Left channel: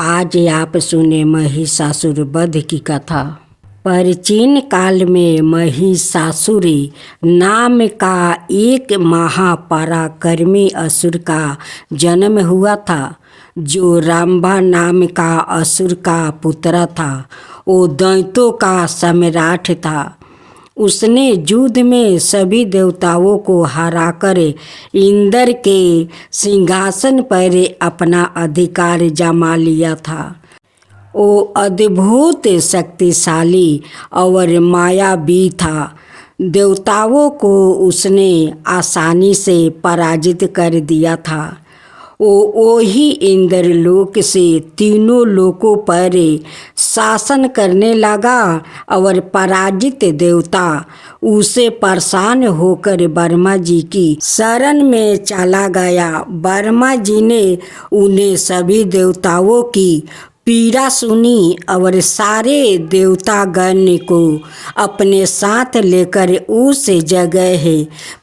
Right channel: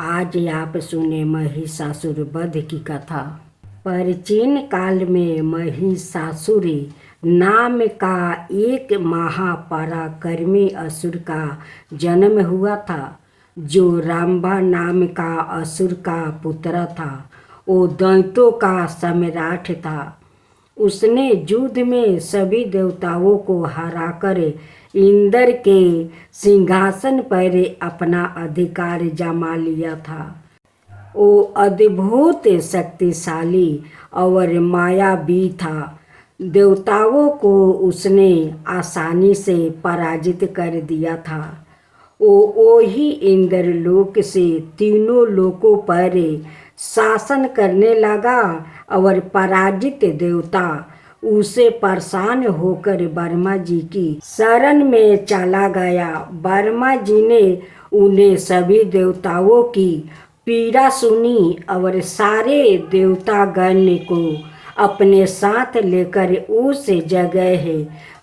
आज आप सुने महिषासुर वध की कथा। प्राचीन काल में महिषासुर नाम का एक महापराक्रमी असुर का जन्म हुआ था, जो रंभा नाम का असुर का पुत्र था। वो दैत्यों का सम्राट था। उसने युद्ध में सभी देवताओं को हराकर इंद्र के सिंहासन पर अपना अधिकार जमा लिया था। वो अद्भुत शक्तिशाली और मायावी था। देवताओं को उसने आसानी से पराजित कर दिया था। वो ही इंद्रलोक से तीनों लोकों पर शासन करने लगा और पराजित देवता उसे परेशान होकर ब्रह्मा जी की शरण में चला गया। ब्रह्मा जी ने उन्हें सभी देवताओं की पीड़ा सुनी और सारे देवतागण को अपने साथ लेकर उस जगह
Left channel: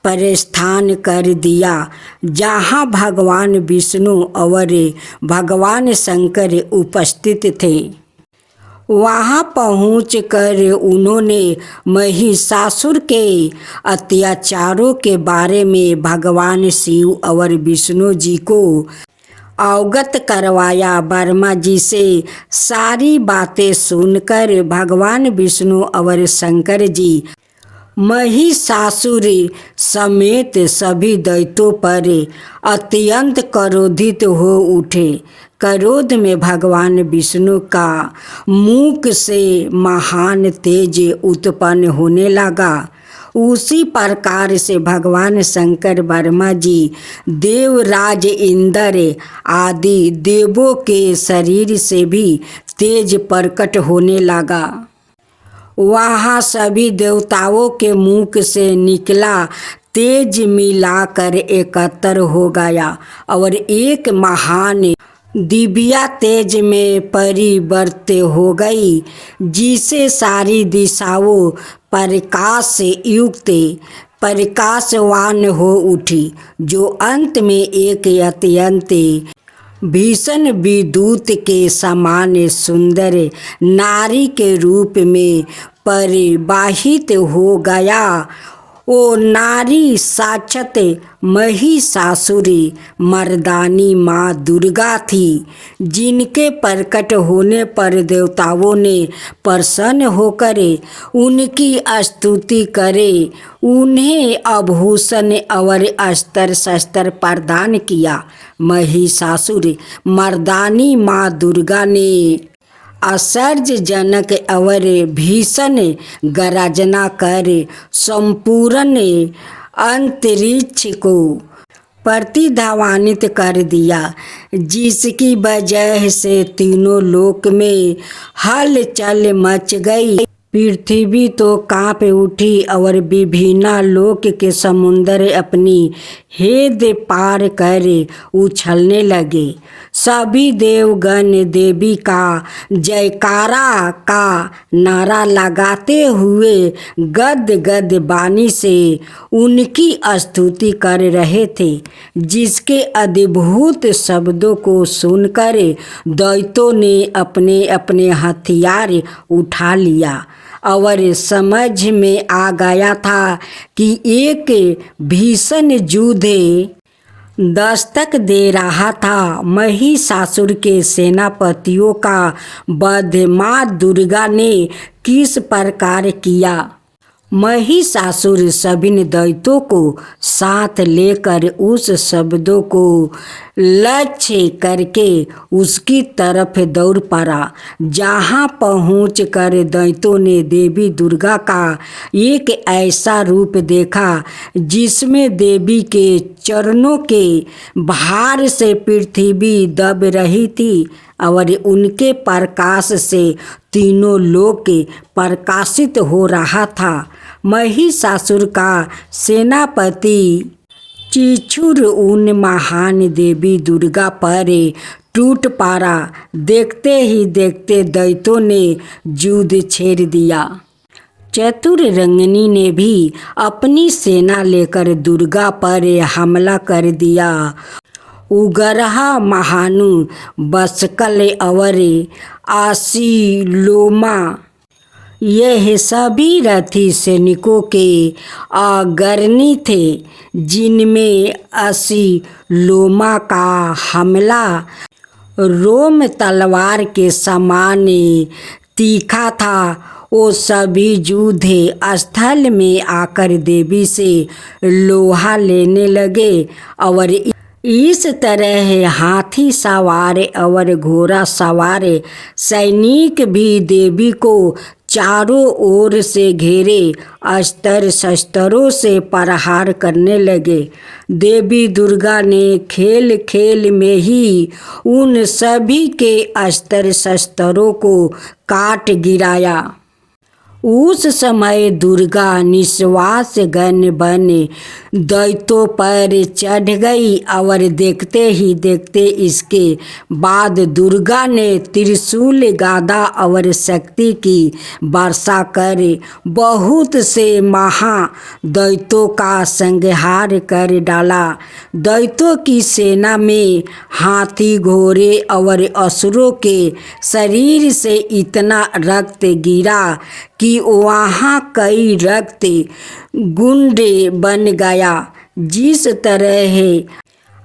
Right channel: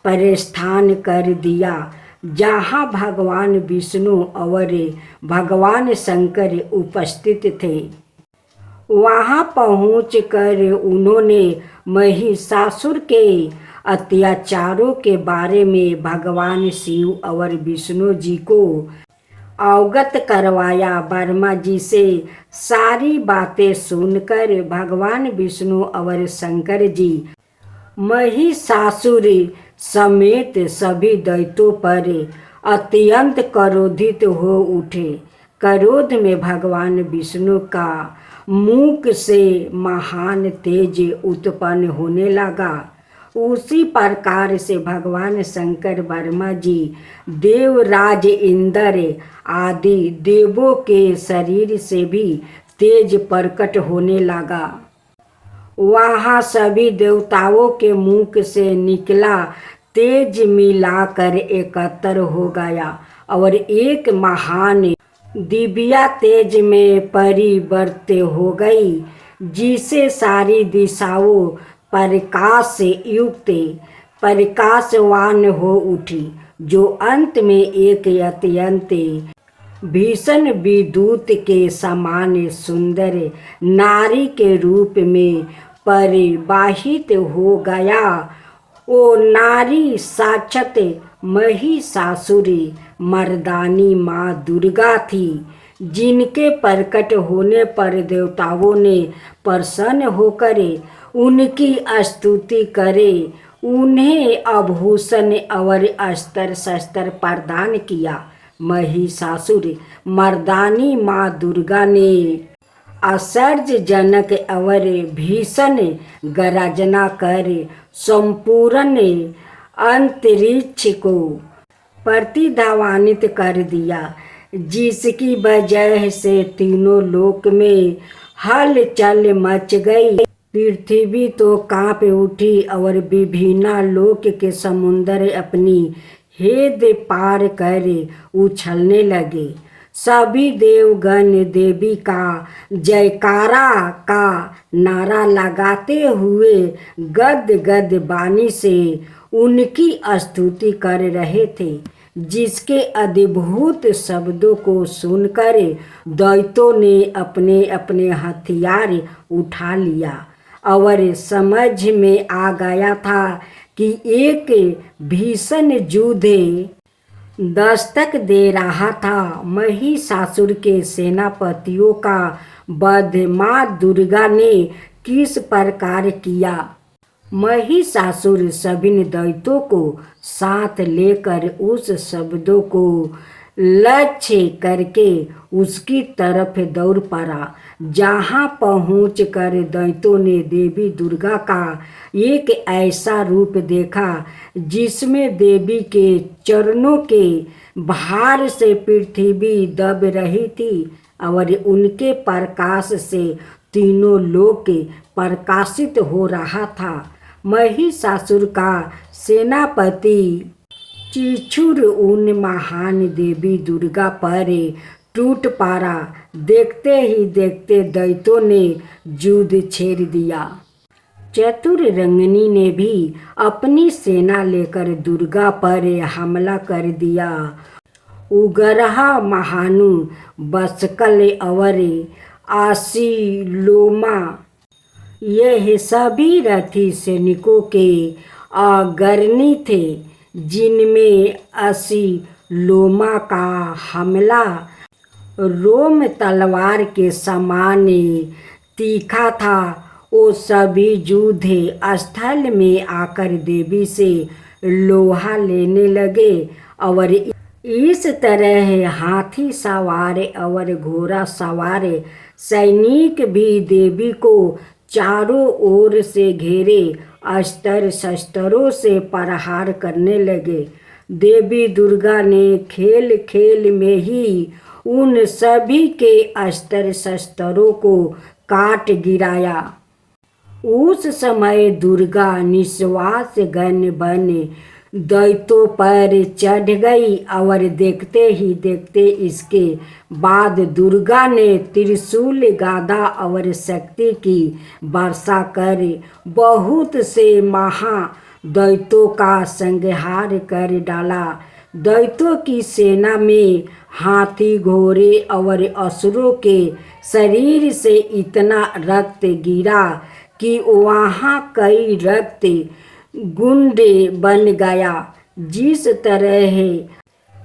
पर स्थान कर दिया जहाँ भगवान विष्णु और भगवान शंकर उपस्थित थे। वहाँ पहुंचकर उन्होंने महिषासुर के अत्याचारों के बारे में भगवान शिव और विष्णु जी को अवगत करवाया। ब्रह्मा जी से सारी बातें सुनकर भगवान विष्णु और शंकर जी महिषासुर समेत सभी दैत्यों पर अत्यंत क्रोधित हो उठे। क्रोध में भगवान विष्णु का मुख से महान तेज उत्पन्न होने लगा। उसी प्रकार से भगवान शंकर ब्रह्मा जी देवराज इंद्र आदि देवों के शरीर से भी तेज प्रकट होने लगा। वहाँ सभी देवताओं के मुख से निकला तेज मिलाकर एकत्र हो गया और एक महान दिव्या तेज में परिवर्तित हो गई, जिसे सारी दिशाओं प्रकाश से युक्त प्रकाशवान हो उठी, जो अंत में एक अत्यंत भीषण विद्युत के समान सुंदर नारी के रूप में परिवाहित हो गया। वो नारी साक्षात महिषासुरी मर्दानी माँ दुर्गा थी, जिनके प्रकट होने पर देवताओं ने प्रसन्न होकर उनकी स्तुति करे, उन्हें आभूषण और अस्त्र शस्त्र प्रदान किया। महिषासुर मर्दानी माँ दुर्गा ने आश्चर्यजनक और भीषण गर्जना कर संपूर्ण अंतरिक्ष को प्रतिध्वनित कर दिया, जिसकी वजह से तीनों लोक में हलचल मच गई। पृथ्वी तो कांप उठी और विभिन्न लोक के समुद्र अपनी हेद पार कर उछलने लगे। सभी देवगण देवी का जयकारा का नारा लगाते हुए गद गद वाणी से उनकी स्तुति कर रहे थे, जिसके अद्भुत शब्दों को सुनकर दैत्यों ने अपने अपने हथियार उठा लिया और समझ में आ गया था कि एक भीषण युद्ध दस्तक दे रहा था। महिषासुर के सेनापतियों का वध माँ दुर्गा ने किस प्रकार किया। महिषासुर सभी दैत्यों को साथ लेकर उस शब्दों को लक्ष्य करके उसकी तरफ दौड़ पड़ा। जहाँ पहुंचकर दैत्यों ने देवी दुर्गा का एक ऐसा रूप देखा, जिसमें देवी के चरणों के भार से पृथ्वी दब रही थी और उनके प्रकाश से तीनों लोक प्रकाशित हो रहा था। महिषासुर का सेनापति चिचुर उन महान देवी दुर्गा पर टूट पड़ा। देखते ही देखते दैत्यों ने युद्ध छेड़ दिया। चतुर रंगनी ने भी अपनी सेना लेकर दुर्गा पर हमला कर दिया। उगरहा महानु बसकल अवरे आसी लोमा। यह सभी रथी सैनिकों के अग्रणी थे, जिनमें 80 लोमा का हमला रोम तलवार के समान तीखा था। वो सभी योद्धे स्थल में आकर देवी से लोहा लेने लगे और इस तरह हाथी सवार और घोड़ा सवार सैनिक भी देवी को चारों ओर से घेरे अस्त्र शस्त्रों से प्रहार करने लगे। देवी दुर्गा ने खेल खेल में ही उन सभी के अस्त्र शस्त्रों को काट गिराया। उस समय दुर्गा निश्वास गण बन दैत्यों पर चढ़ गई और देखते ही देखते इसके बाद दुर्गा ने त्रिशूल गदा और शक्ति की वर्षा कर बहुत से महादैत्यों का संहार कर डाला। दैत्यों की सेना में हाथी घोड़े और असुरों के शरीर से इतना रक्त गिरा कि वहाँ कई रक्त गुंडे बन गया। जिस तरह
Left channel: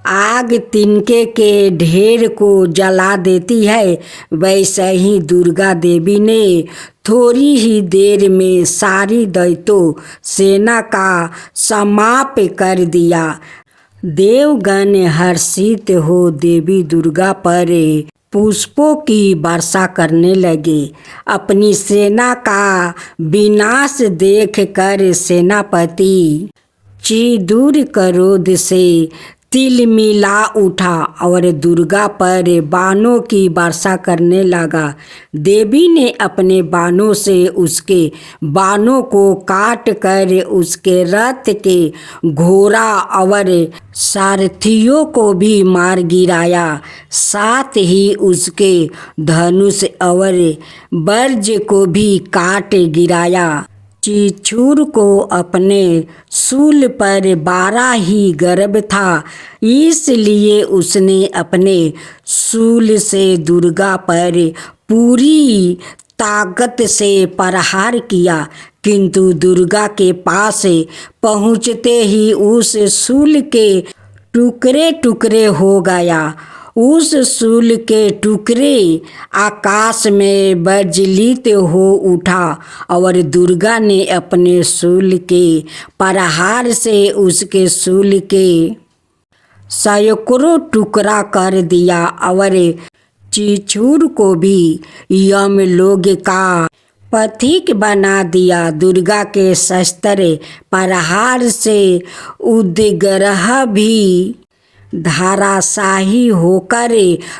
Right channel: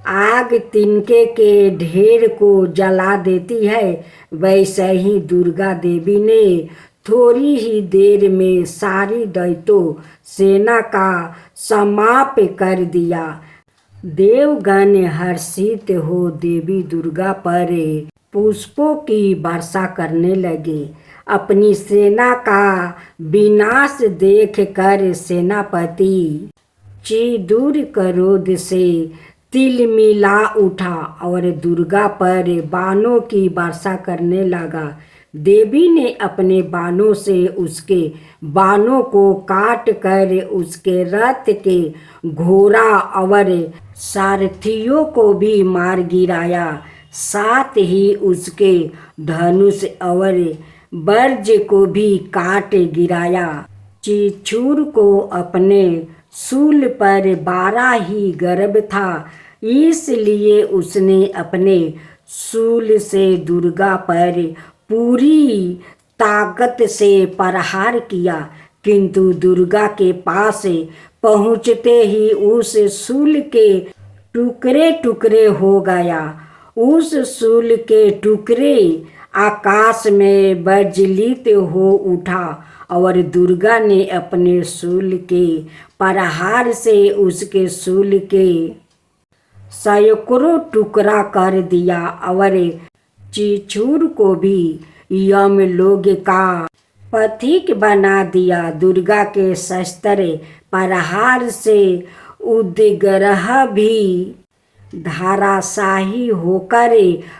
आग तिनके के ढेर को जला देती है, वैसे ही दुर्गा देवी ने थोड़ी ही देर में सारी दैत्यों सेना का समाप्त कर दिया। देवगण हर्षित हो देवी दुर्गा पर पुष्पों की वर्षा करने लगे। अपनी सेना का विनाश देखकर सेनापति चिदूर क्रोध से तिलमिला उठा और दुर्गा पर बाणों की वर्षा करने लगा। देवी ने अपने बाणों से उसके बाणों को काट कर उसके रथ के घोड़ा और सारथियों को भी मार गिराया। साथ ही उसके धनुष और वर्ज को भी काट गिराया। चिचूर को अपने शूल पर 12 ही गर्भ था, इसलिए उसने अपने शूल से दुर्गा पर पूरी ताकत से प्रहार किया, किंतु दुर्गा के पास पहुँचते ही उस शूल के टुकड़े टुकड़े हो गया। उस शूल के टुकड़े आकाश में विचलित हो उठा और दुर्गा ने अपने शूल के प्रहार से उसके शूल के सैकड़ों टुकड़ा कर दिया और चिचूर को भी यमलोक का पथिक बना दिया। दुर्गा के शस्त्र प्रहार से उदग्रह भी धाराशाही होकर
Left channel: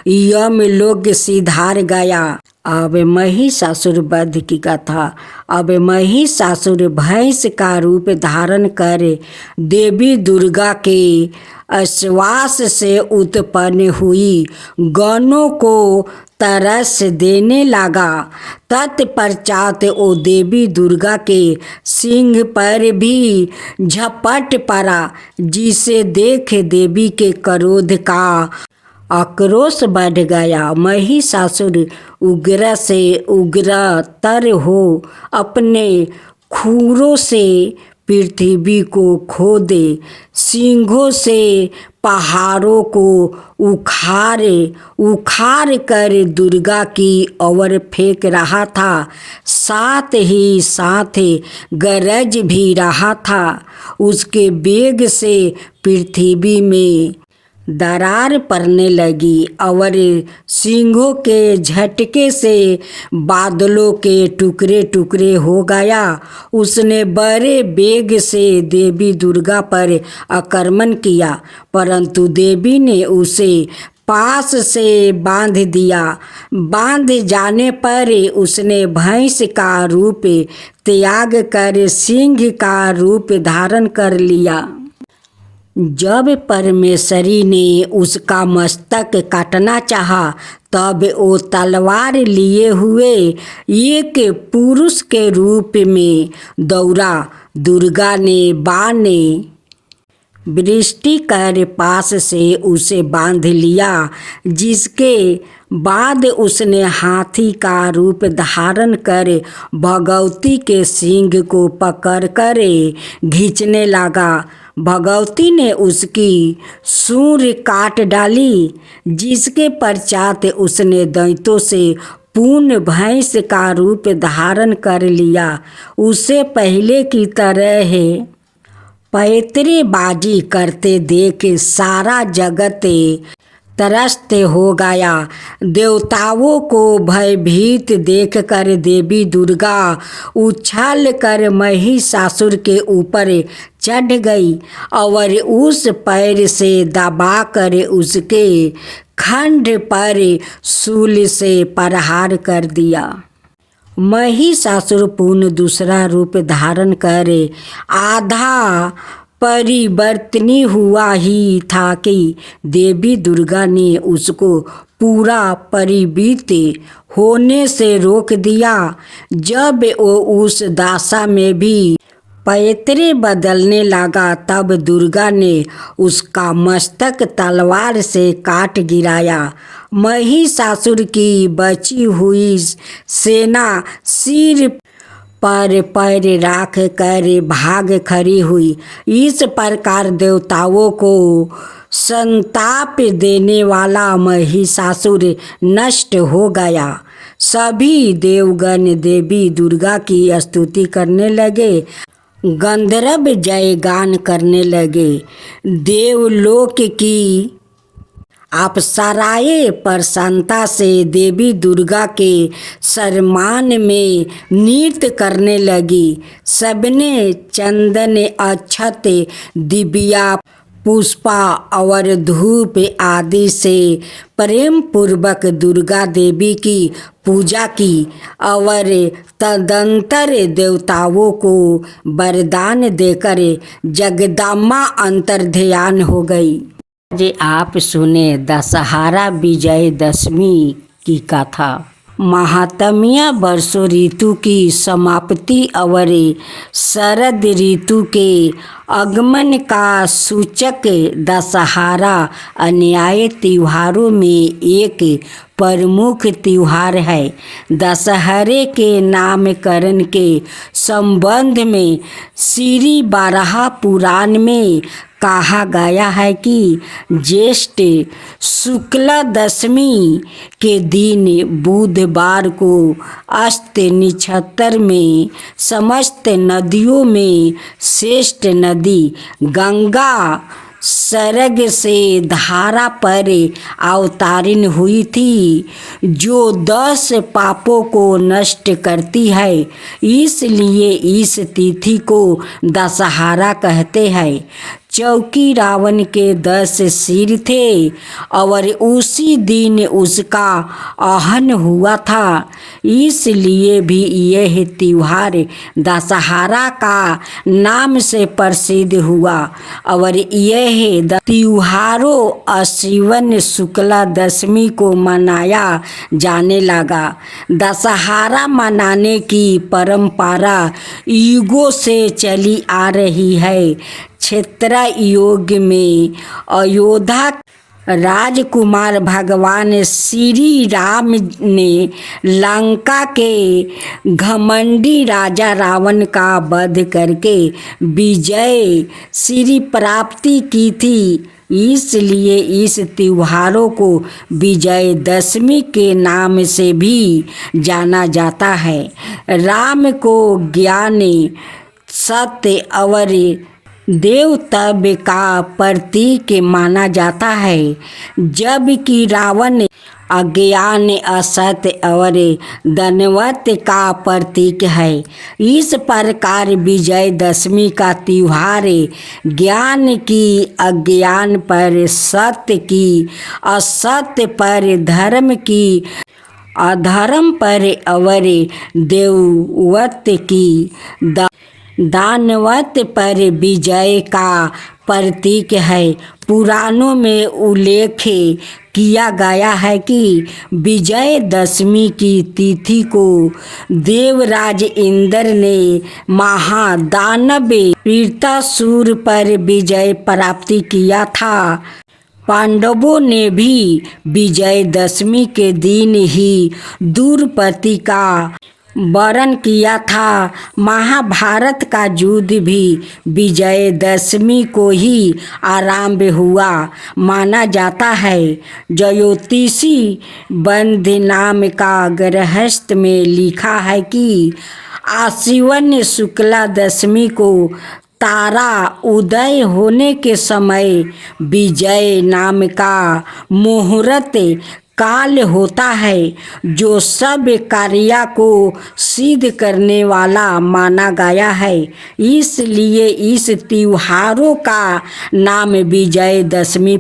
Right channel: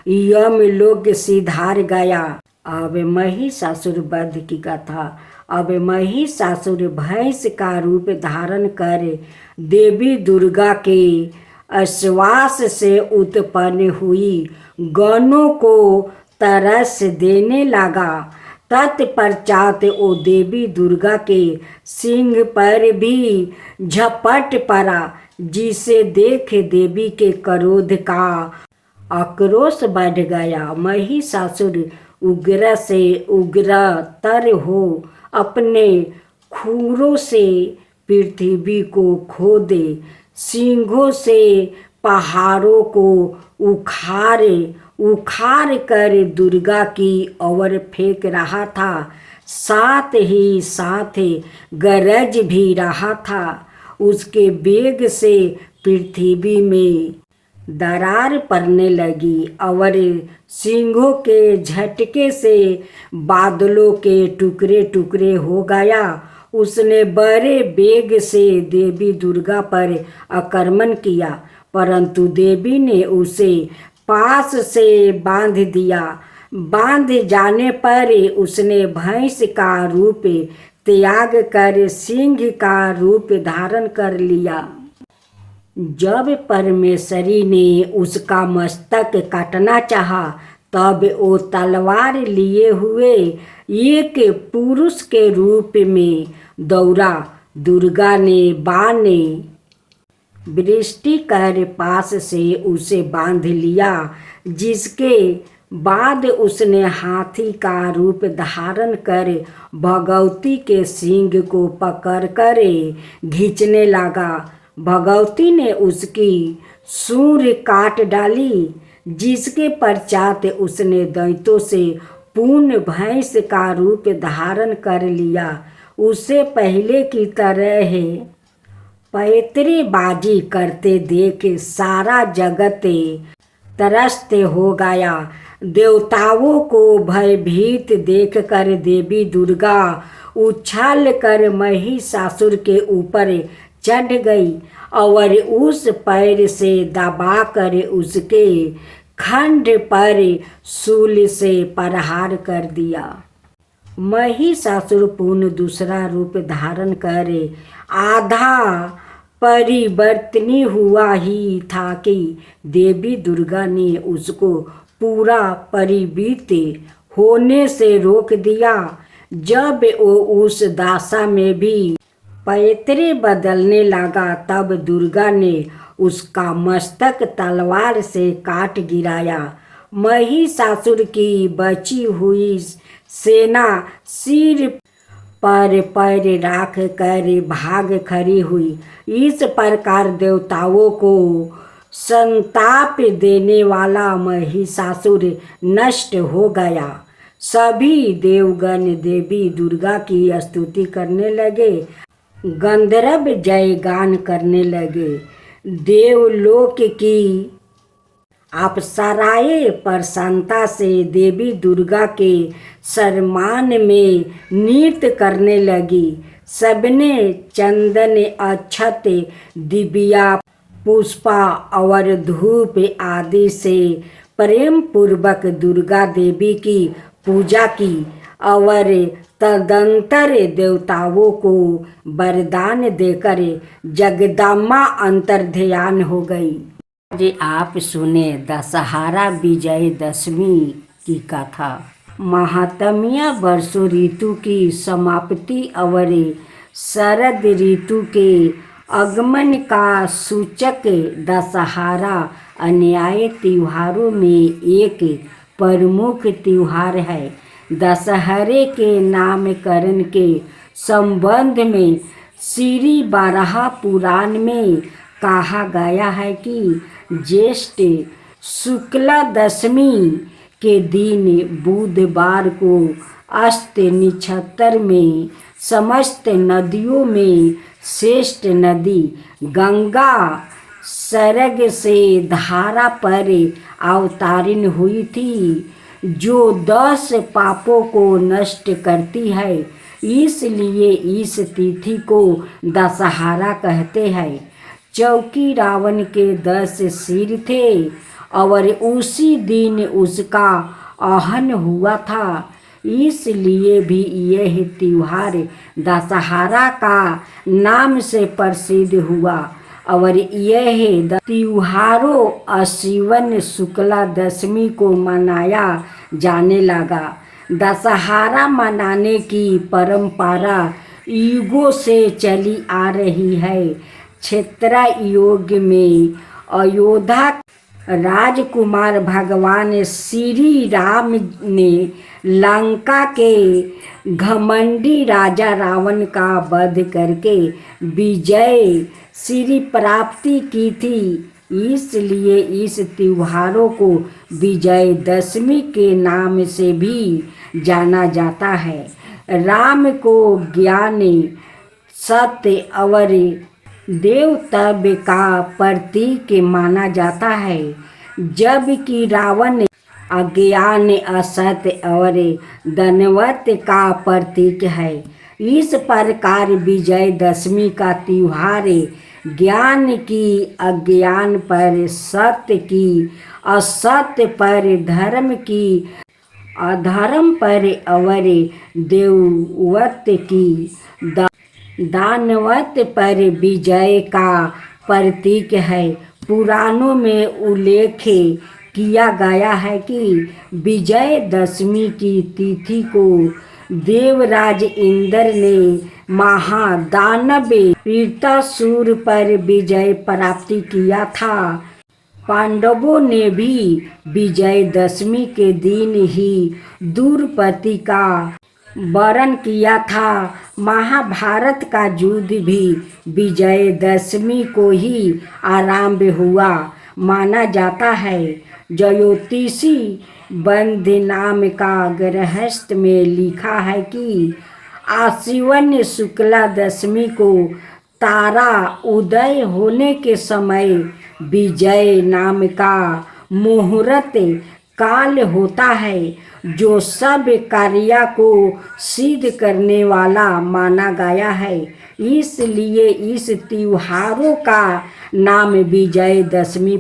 यमलोक सिधार गया। अब महिषासुर वध की कथा। अब महिषासुर भैंस का रूप धारण कर देवी दुर्गा के आश्वास से उत्पन्न हुई गणों को तरस देने लगा। तत्पश्चात वो देवी दुर्गा के सिंह पर भी झपट पड़ा, जिसे देख देवी के क्रोध का आक्रोश बढ़ गया। महिषासुर उग्र से उग्रतर हो अपने खुरों से पृथ्वी को खोदे, सिंहों से पहाड़ों को उखाड़ कर दुर्गा की ओर फेंक रहा था। साथ ही साथ गरज भी रहा था। उसके वेग से पृथ्वी में दरार पड़ने लगी और सिंहों के झटके से बादलों के टुकड़े टुकड़े हो गया। उसने बड़े वेग से देवी दुर्गा पर आक्रमण किया, परंतु देवी ने उसे पास से बांध दिया। बांध जाने पर उसने भैंस का रूप त्याग कर सिंह का रूप धारण कर लिया। जब परमेश्वरी ने उसका मस्तक काटना चाहा, तब वो तलवार लिए हुए एक पुरुष के रूप में दौड़ा। दुर्गा ने बाण वृष्टि कर पास से उसे बांध लिया, जिसके बाद उसने हाथी का रूप धारण कर भगवती के सींग को पकड़कर खींचने लगा। भगवती ने उसकी सूंड काट डाली, जिसके पश्चात उसने दैत्यों से पूर्ण भैंस का रूप धारण कर लिया। उसे पहले की तरह पैतरेबाजी करते देख सारा जगत त्रस्त हो गया। देवताओं को भयभीत देखकर देवी दुर्गा उछल कर महिषासुर के ऊपर चढ़ गई और उस पैर से दबाकर उसके खंड पर शूल से प्रहार कर दिया। महिषासुर पुनः दूसरा रूप धारण कर आधा परिवर्तनी हुआ ही था कि देवी दुर्गा ने उसको पूरा परिवर्तित होने से रोक दिया। जब वो उस दशा में भी पैतरे बदलने लगा, तब दुर्गा ने उसका मस्तक तलवार से काट गिराया। महिषासुर की बची हुई सेना सिर पर पैर राख कर भाग खड़ी हुई। इस प्रकार देवताओं को संताप देने वाला महिषासुर नष्ट हो गया। सभी देवगण देवी दुर्गा की स्तुति करने लगे, गंधर्व जयगान करने लगे। देवलोक की अप्सराएं प्रसन्नता से देवी दुर्गा के सम्मान में नृत्य करने लगी। सबने चंदन, अक्षत, दिव्या पुष्पा और धूप आदि से प्रेम पूर्वक दुर्गा देवी की पूजा की और तदंतर देवताओं को वरदान देकर जगदम्बा अंतर्ध्यान हो गई। आज आप सुने दशहरा विजयदशमी की कथा। महात्म्य वर्षों ऋतु की समाप्ति और शरद ऋतु के आगमन का सूचक दशहरा अन्य त्योहारों में एक प्रमुख त्योहार है। दशहरे के नामकरण के संबंध में श्री वराह पुराण में कहा गया है कि ज्येष्ठ शुक्ल दशमी के दिन बुधवार को अस्त नक्षत्र में समस्त नदियों में श्रेष्ठ नदी गंगा सर्ग से धारा पर अवतारित हुई थी, जो 10 पापों को नष्ट करती है। इसलिए इस तिथि को दशहरा कहते हैं। चौकी रावण के 10 सिर थे और उसी दिन उसका आहन हुआ था, इसलिए भी यह त्योहार दशहरा का नाम से प्रसिद्ध हुआ। और यह त्योहारों आश्विन शुक्ला दशमी को मनाया जाने लगा। दशहरा मनाने की परंपरा युगों से चली आ रही है। क्षेत्र युग में अयोध्या राजकुमार भगवान श्री राम ने लंका के घमंडी राजा रावण का वध करके विजय श्री प्राप्ति की थी। इसलिए इस त्योहारों को विजयदशमी के नाम से भी जाना जाता है। राम को ज्ञान, सत्य और देवत्व का प्रतीक माना जाता है, जबकि रावण अज्ञान, असत्य और धनवत का प्रतीक है। इस प्रकार विजयदशमी का त्योहार ज्ञान की अज्ञान पर, सत्य की असत्य पर, धर्म की अधर्म पर और देवत्व की दानवत पर विजय का प्रतीक है। पुराणों में उल्लेख किया गया है कि विजयदशमी की तिथि को देवराज इंद्र ने महादानव वृत्रासुर पर विजय प्राप्ति किया था। पांडवों ने भी विजयदशमी के दिन ही द्रौपदी का वरण किया था। महाभारत का युद्ध भी विजयदशमी को ही आरंभ हुआ माना जाता है। ज्योतिषी बंध नाम का गृहस्थ में लिखा है कि आश्विन शुक्ला दशमी को तारा उदय होने के समय विजय नाम का मुहूर्त काल होता है, जो सब कार्य को सिद्ध करने वाला माना गया है। इसलिए इस त्योहारों का नाम विजयदशमी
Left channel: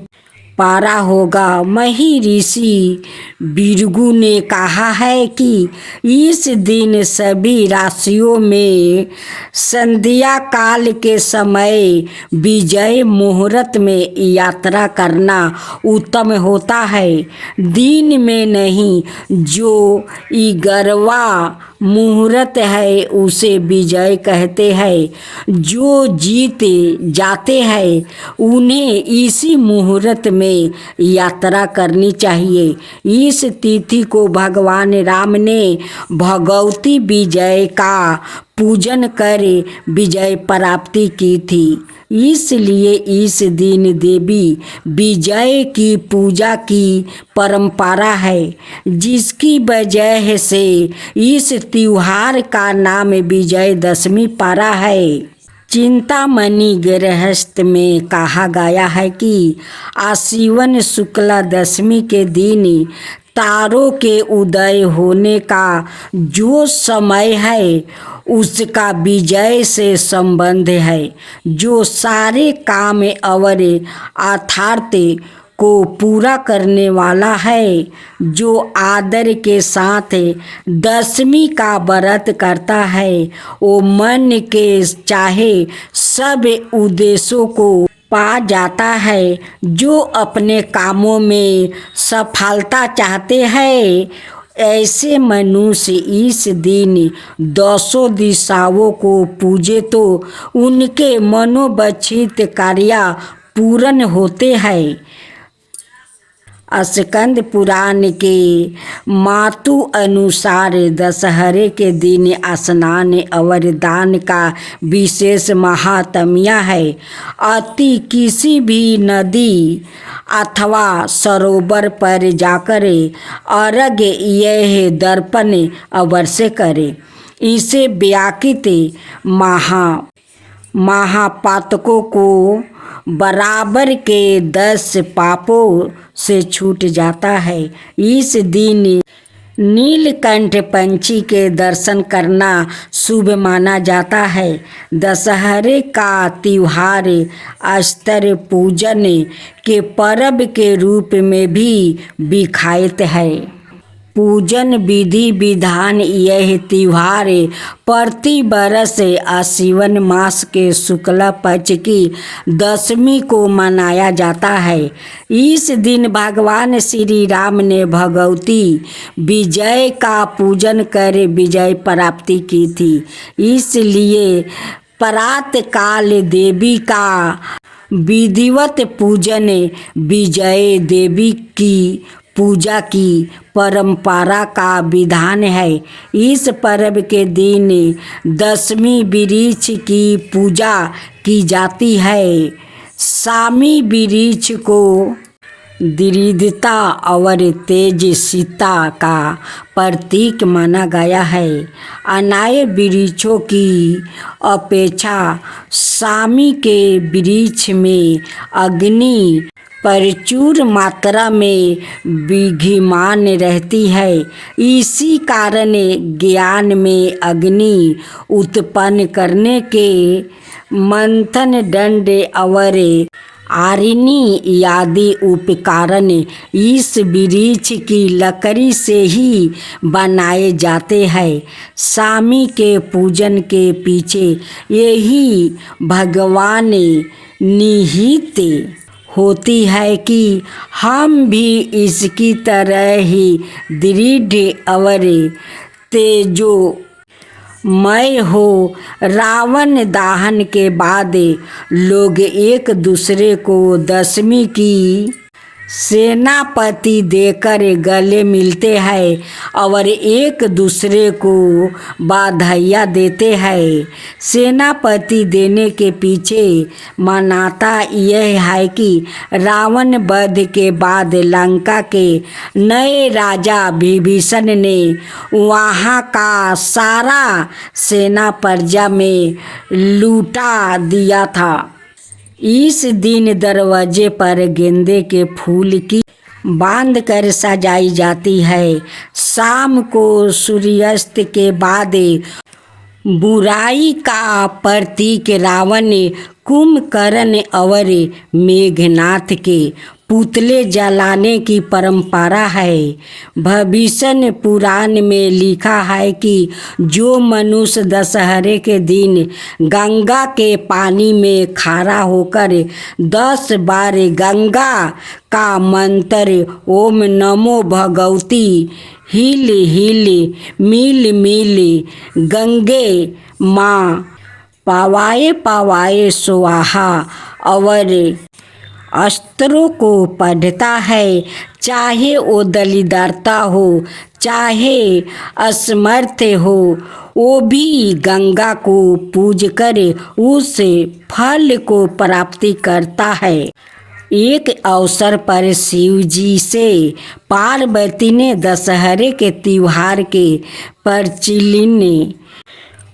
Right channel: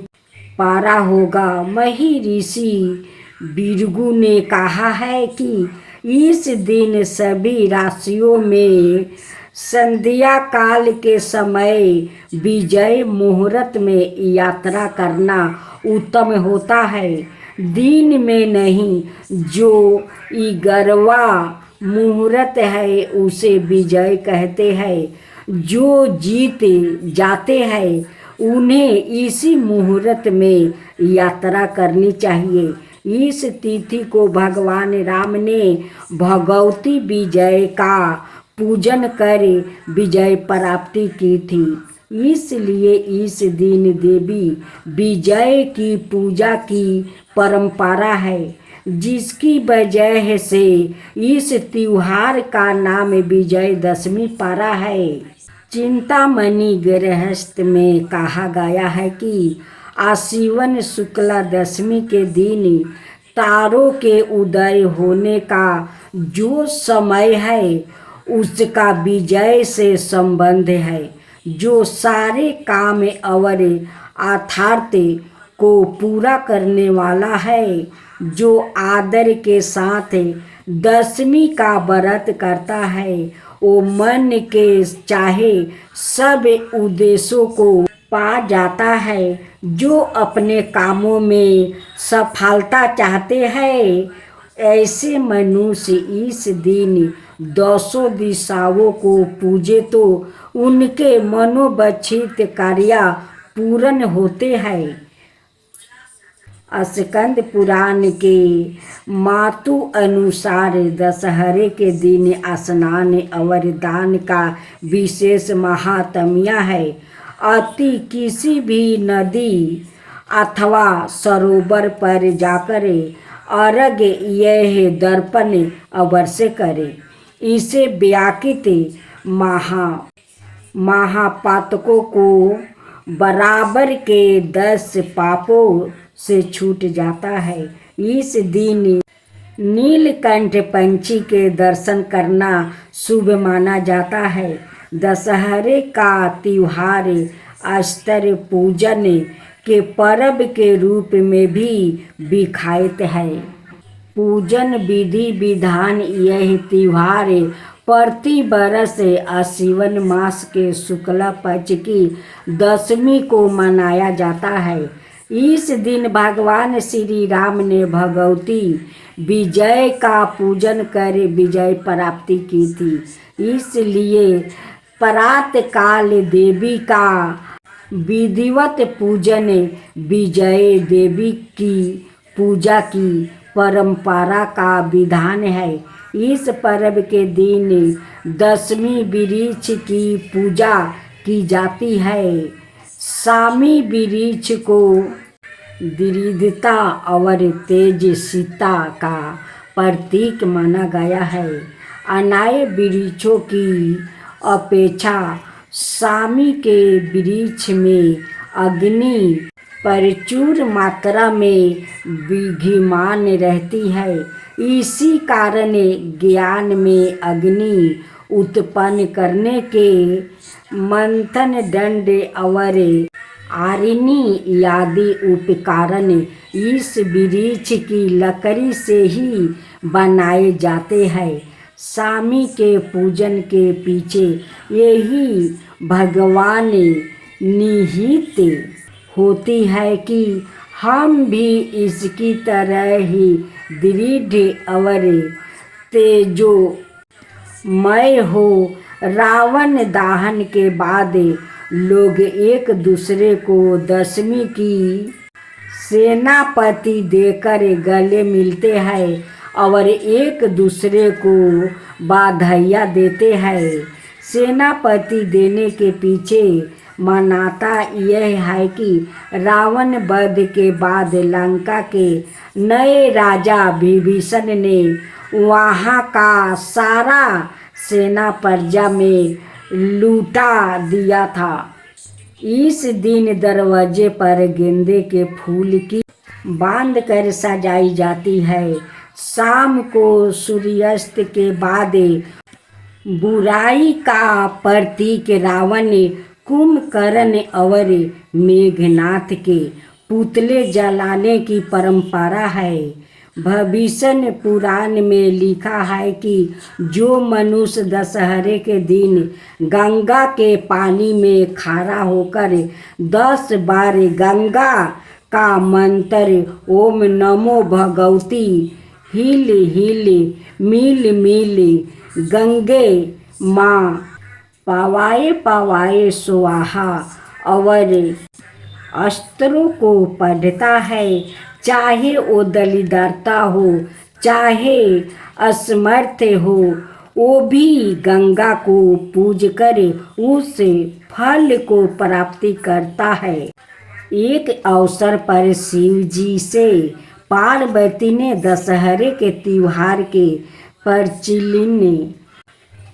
पारा होगा। महर्षि भृगु ने कहा है कि इस दिन सभी राशियों में संध्या काल के समय विजय मुहूर्त में यात्रा करना उत्तम होता है। दिन में नहीं, जो 11वां मुहूर्त है उसे विजय कहते हैं। जो जीत जाते हैं उन्हें इसी मुहूर्त में यात्रा करनी चाहिए। इस तिथि को भगवान राम ने भगवती विजय का पूजन कर विजय प्राप्ति की थी। इसलिए इस दिन देवी विजय की पूजा की परंपरा है, जिसकी वजह से इस त्योहार का नाम विजयदशमी पड़ा है। चिंतामणि गृहस्थ में कहा गया है कि आश्विन शुक्ला दशमी के दिन तारों के उदय होने का जो समय है उसका विजय से संबंध है, जो सारे काम और अर्थार्थ को पूरा करने वाला है। जो आदर के साथ दशमी का व्रत करता है वो मन के चाहे सब उद्देश्यों को पा जाता है। जो अपने कामों में सफलता चाहते हैं ऐसे मनुष्य इस दिन 200 दिशाओं को पूजे तो उनके मनोवांछित कार्य पूर्ण होते हैं। स्कंद पुराण के मातु अनुसार दशहरे के दिन स्नान और दान का विशेष महात्म्य है। अति किसी भी नदी अथवा सरोवर पर जाकर अर्घ्य यह दर्पण अवश्य करे। इसे व्याकृत महापातकों को बराबर के 10 पापों से छूट जाता है। इस दिन नीलकंठ पंछी के दर्शन करना शुभ माना जाता है। दशहरे का त्योहार अस्त्र पूजन के पर्व के रूप में भी विख्यात है। पूजन विधि विधान यह त्योहार प्रति वर्ष आश्विन मास के शुक्ल पक्ष की दशमी को मनाया जाता है। इस दिन भगवान श्री राम ने भगवती विजय का पूजन कर विजय प्राप्ति की थी। इसलिए प्रातः काल देवी का विधिवत पूजन विजय देवी की पूजा की परंपरा का विधान है। इस पर्व के दिन दशमी वृक्ष की पूजा की जाती है। सामी वृक्ष को दृढ़ता और तेजस्विता का प्रतीक माना गया है। अन्य वृक्षों की अपेक्षा सामी के वृक्ष में अग्नि प्रचुर मात्रा में विद्यमान रहती है। इसी कारण ज्ञान में अग्नि उत्पन्न करने के मंथन दंड और आरिनी आदि उपकरण इस वृक्ष की लकड़ी से ही बनाए जाते हैं। स्वामी के पूजन के पीछे यही भगवान निहित होती है कि हम भी इसकी तरह ही दृढ़ और तेजोमय हो। रावण दहन के बाद लोग एक दूसरे को दशमी की सेनापति देकर गले मिलते हैं और एक दूसरे को बधाइयाँ देते हैं। सेनापति देने के पीछे मान्यता यह है कि रावण वध के बाद लंका के नए राजा विभीषण ने वहाँ का सारा सेना प्रजा में लुटा दिया था। इस दिन दरवाजे पर गेंदे के फूल की बांध कर सजाई जाती है। शाम को सूर्यास्त के बाद बुराई का प्रतीक रावण, कुंभकर्ण और मेघनाथ के पुतले जलाने की परंपरा है। भविष्य पुराण में लिखा है कि जो मनुष्य दशहरे के दिन गंगा के पानी में खड़ा होकर 10 बार गंगा का मंत्र ओम नमो भगवती हिल हिल मिल मिल गंगे माँ पावाए पावाए स्वाहा और अस्त्रों को पढ़ता है, चाहे वो दलिद्रता हो चाहे असमर्थ हो, वो भी गंगा को पूज कर उस फल को प्राप्ति करता है। एक अवसर पर शिव जी से पार्वती ने दशहरे के त्योहार के प्रचलित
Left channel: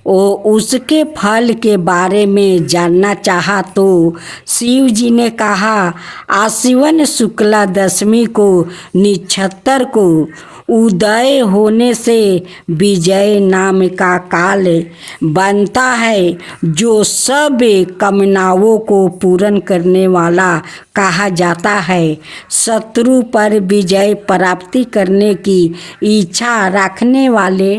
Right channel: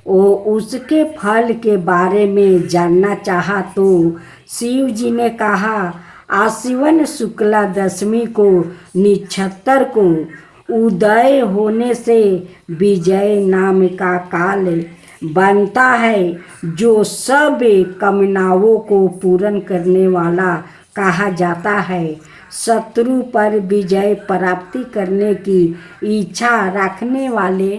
उसके फल के बारे में जानना चाहा तो शिव जी ने कहा, आश्विन शुक्ला दशमी को नक्षत्र को उदय होने से विजय नाम का काल बनता है, जो सब कामनाओं को पूर्ण करने वाला कहा जाता है। शत्रु पर विजय प्राप्ति करने की इच्छा रखने वाले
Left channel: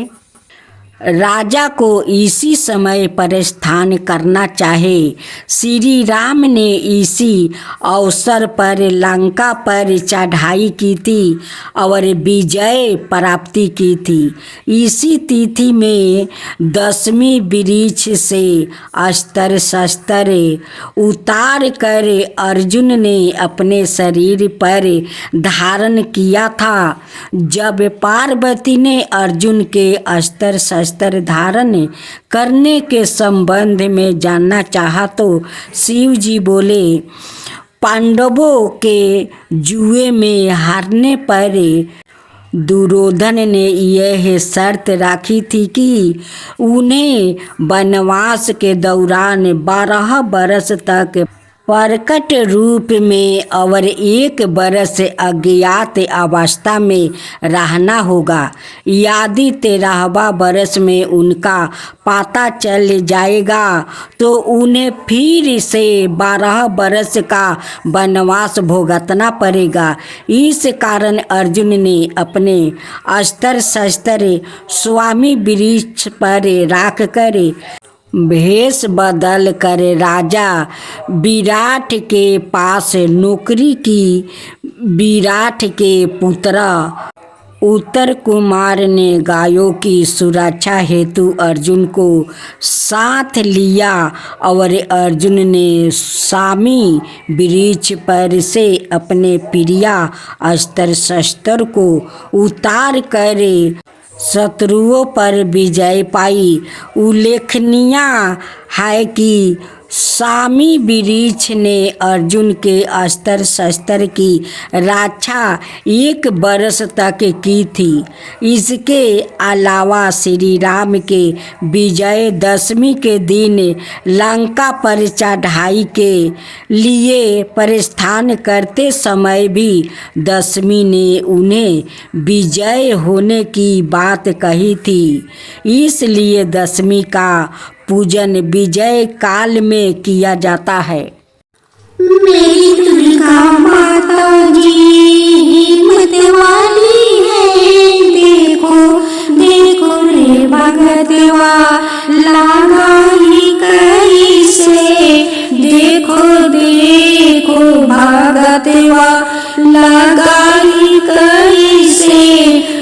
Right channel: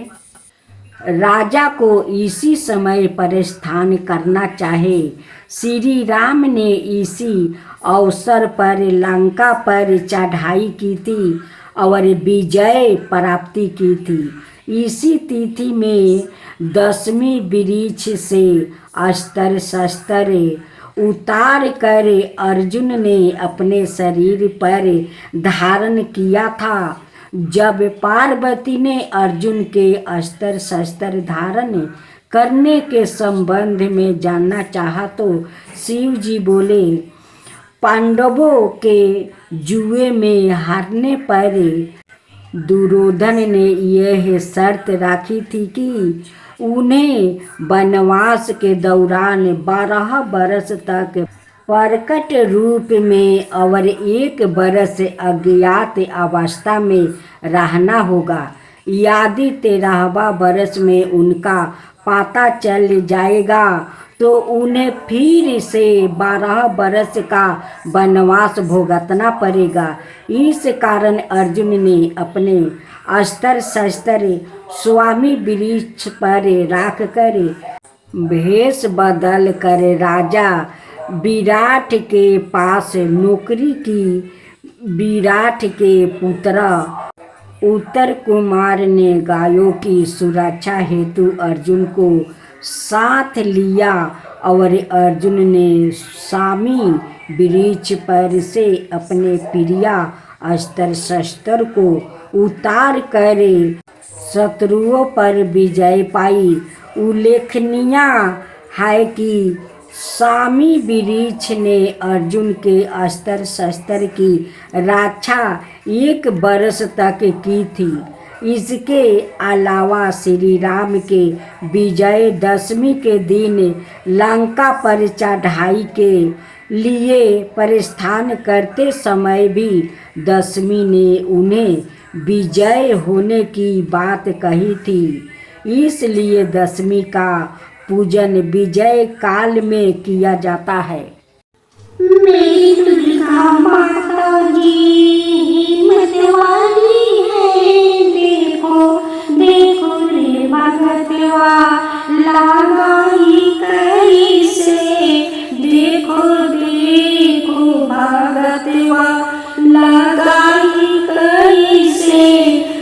राजा को इसी समय प्रस्थान करना चाहिए। श्री राम ने इसी अवसर पर लंका पर चढ़ाई की थी और विजय प्राप्ति की थी। इसी तिथि में दशमी वृक्ष से अस्त्र शस्त्र उतार कर अर्जुन ने अपने शरीर पर धारण किया था। जब पार्वती ने अर्जुन के अस्त्र शस्त्र धारण करने के संबंध में जानना चाहा तो शिव जी बोले, पांडवों के जुए में हारने पर दुर्योधन ने यह शर्त रखी थी कि उन्हें वनवास के दौरान 12 बरस तक प्रकट रूप में और 1 बरस अज्ञात अवस्था में रहना होगा। यदि 13वां बरस में उनका पता चल जाएगा तो उन्हें फिर से 12 बरस का वनवास भुगतना पड़ेगा। इस कारण अर्जुन ने अपने अस्त्र शस्त्र स्वामी वृक्ष पर रख कर भेष बदल कर राजा विराट के पास नौकरी की। विराट के पुत्र उत्तर कुमार ने गायों की सुरक्षा हेतु अर्जुन को साथ लिया और अर्जुन ने स्वामी वृक्ष पर से अपने प्रिय अस्त्र शस्त्र को उतार कर शत्रुओं पर विजय पाई। उल्लेखनीय है कि स्वामी वृक्ष ने अर्जुन के अस्त्र शस्त्र की रक्षा 1 बरस तक की थी। इसके अलावा श्री राम के विजय दशमी के दिन लंका पर चढ़ाई के लिए प्रस्थान करते समय भी दशमी ने उन्हें विजय होने की बात कही थी। इसलिए दशमी का पूजन विजय काल में किया जाता है। मेरी लगाई कैसे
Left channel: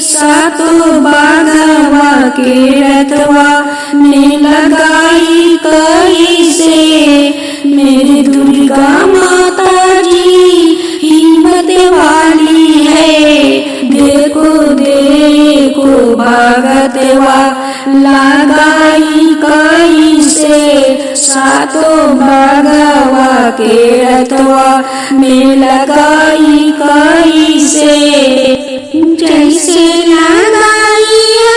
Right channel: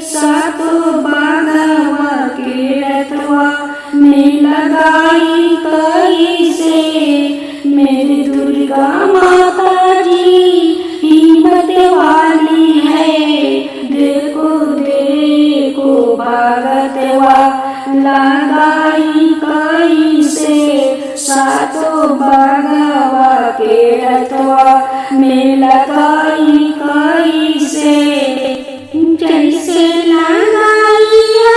सातो बाघवा के रथवा ने लगाई कैसे। मेरी दुर्गा माता जी हिम्मत वाली है, देखो देखो भगतवा लगाई कैसे सातो बाघवा के रथवा में लगाई कैसे। जैसे लगाई है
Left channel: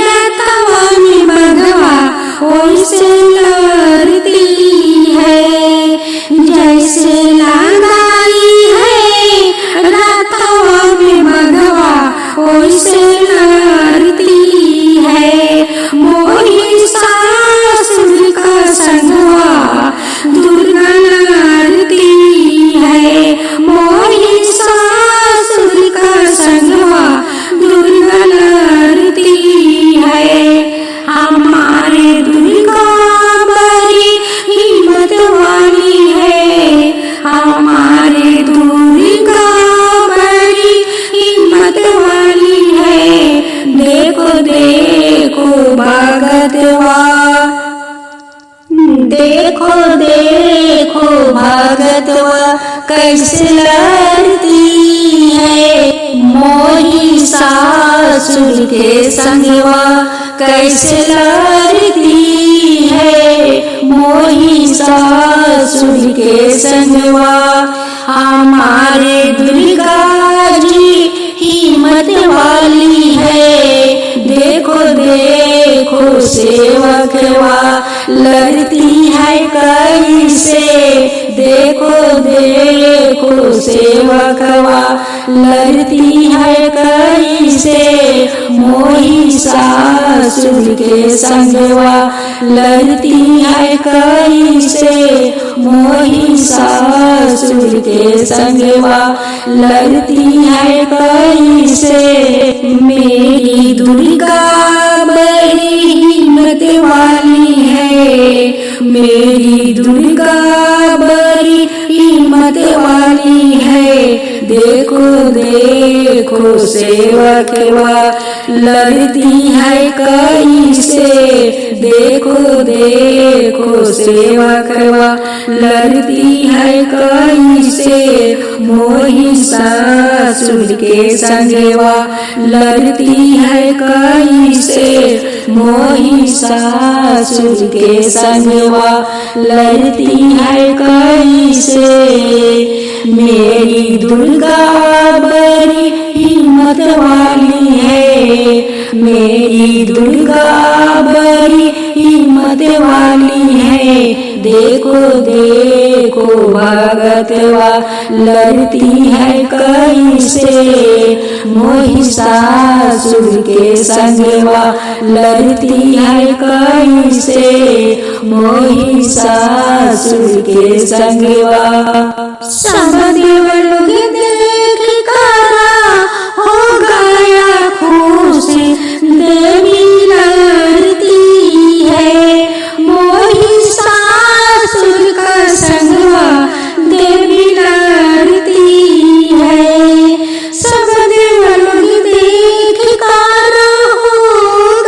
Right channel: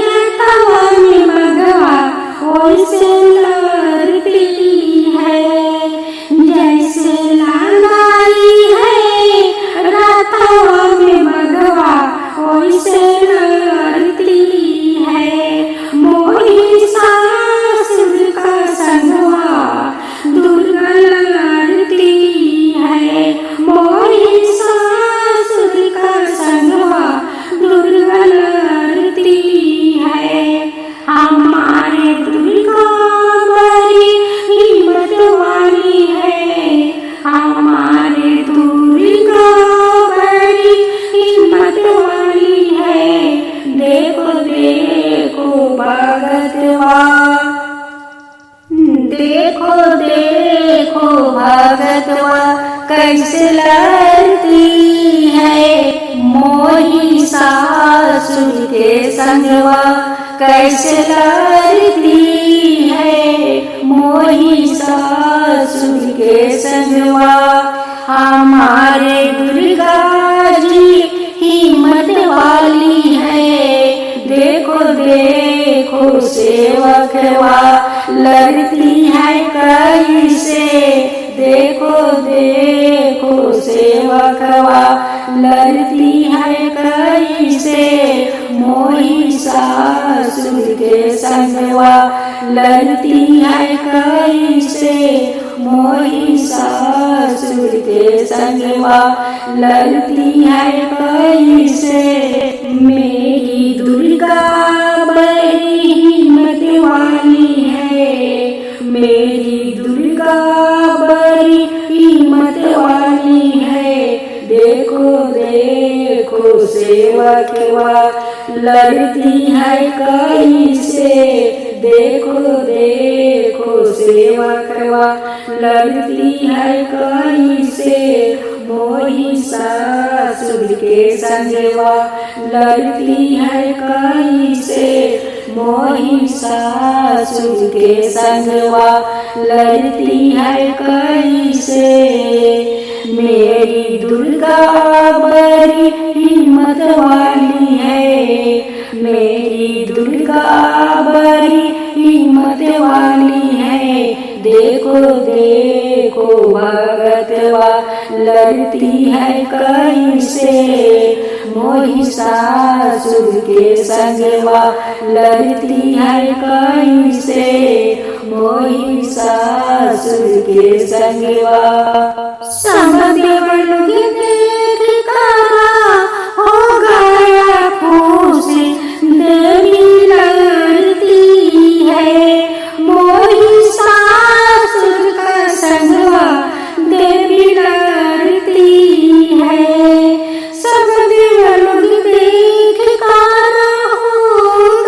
रथवा में बाघवा वैसे लड़ती है। जैसे लगाई है रथवा में बाघवा वैसे लड़ती है। महिषासुर का संगवा दुर्गा लड़ती है। महिषासुर का संगवा दुर्गा लड़ती है। हमारे दुर्गा बड़ी हिम्मत वाली है, हमारे दुर्गा बड़ी हिम्मत वाली है। देखो देखो भगतवा, देखो देखो भगतवा कैसे लड़ती है। महिषासुर के संगवा कैसे लड़ती है। महिषासुर के संगवा हमारे दुर्गा जी हिम्मत वाली है। देखो देखो सेवकवा लड़ती है कैसे। देखो देखो सेवकवा लड़ती है कैसे। महिषासुर के संगवा लड़ती है कैसे। महिषासुर के संगवा लड़ती है कैसे। मेरी दुर्गा बड़ी हिम्मत वाली है, मेरी दुर्गा बड़ी हिम्मत वाली है। देखो देखो सेवकवा लड़ती है कैसे। देखो देखो सेवकवा लड़ती है कैसे। महिषासुर के संगवा लड़ती है कैसे। महिषासुर के संगवा लड़ती है कैसे। मेरी दुर्गा बड़ी हिम्मत वाली है, मेरी दुर्गा बड़ी हिम्मत वाली है। देखो देखो भगतवा लड़ती है कैसे। महिषासुर के संगवा लड़ती है कैसे। महिषासुर के संगवा सब देवलोग देख कर हो गया खुश। देवी लड़ती है महिषासुर का संगवा देवी लड़ती है। सब देवलोग देख कर हो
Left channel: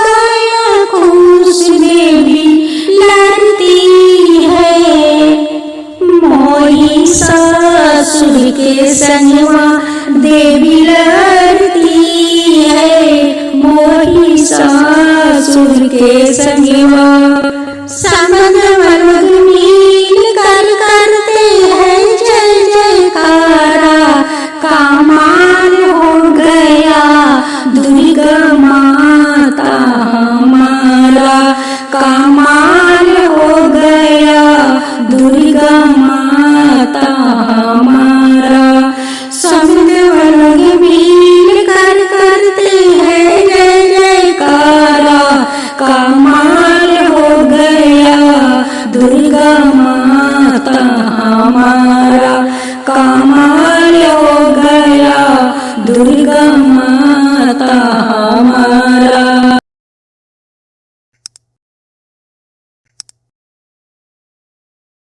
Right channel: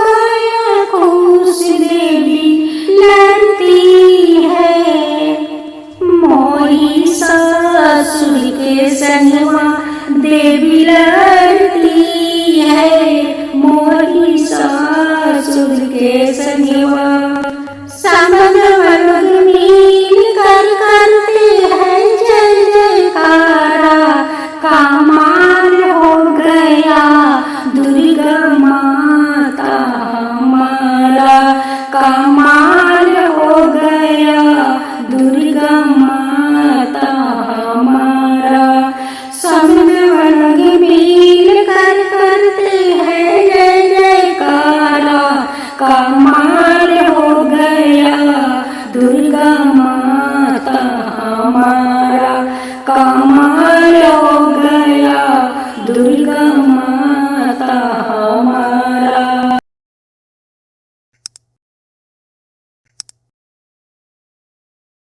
गया खुश। देवी लड़ती है महिषासुर के संगवा देवी लड़ती है। महिषासुर के संगवा समझ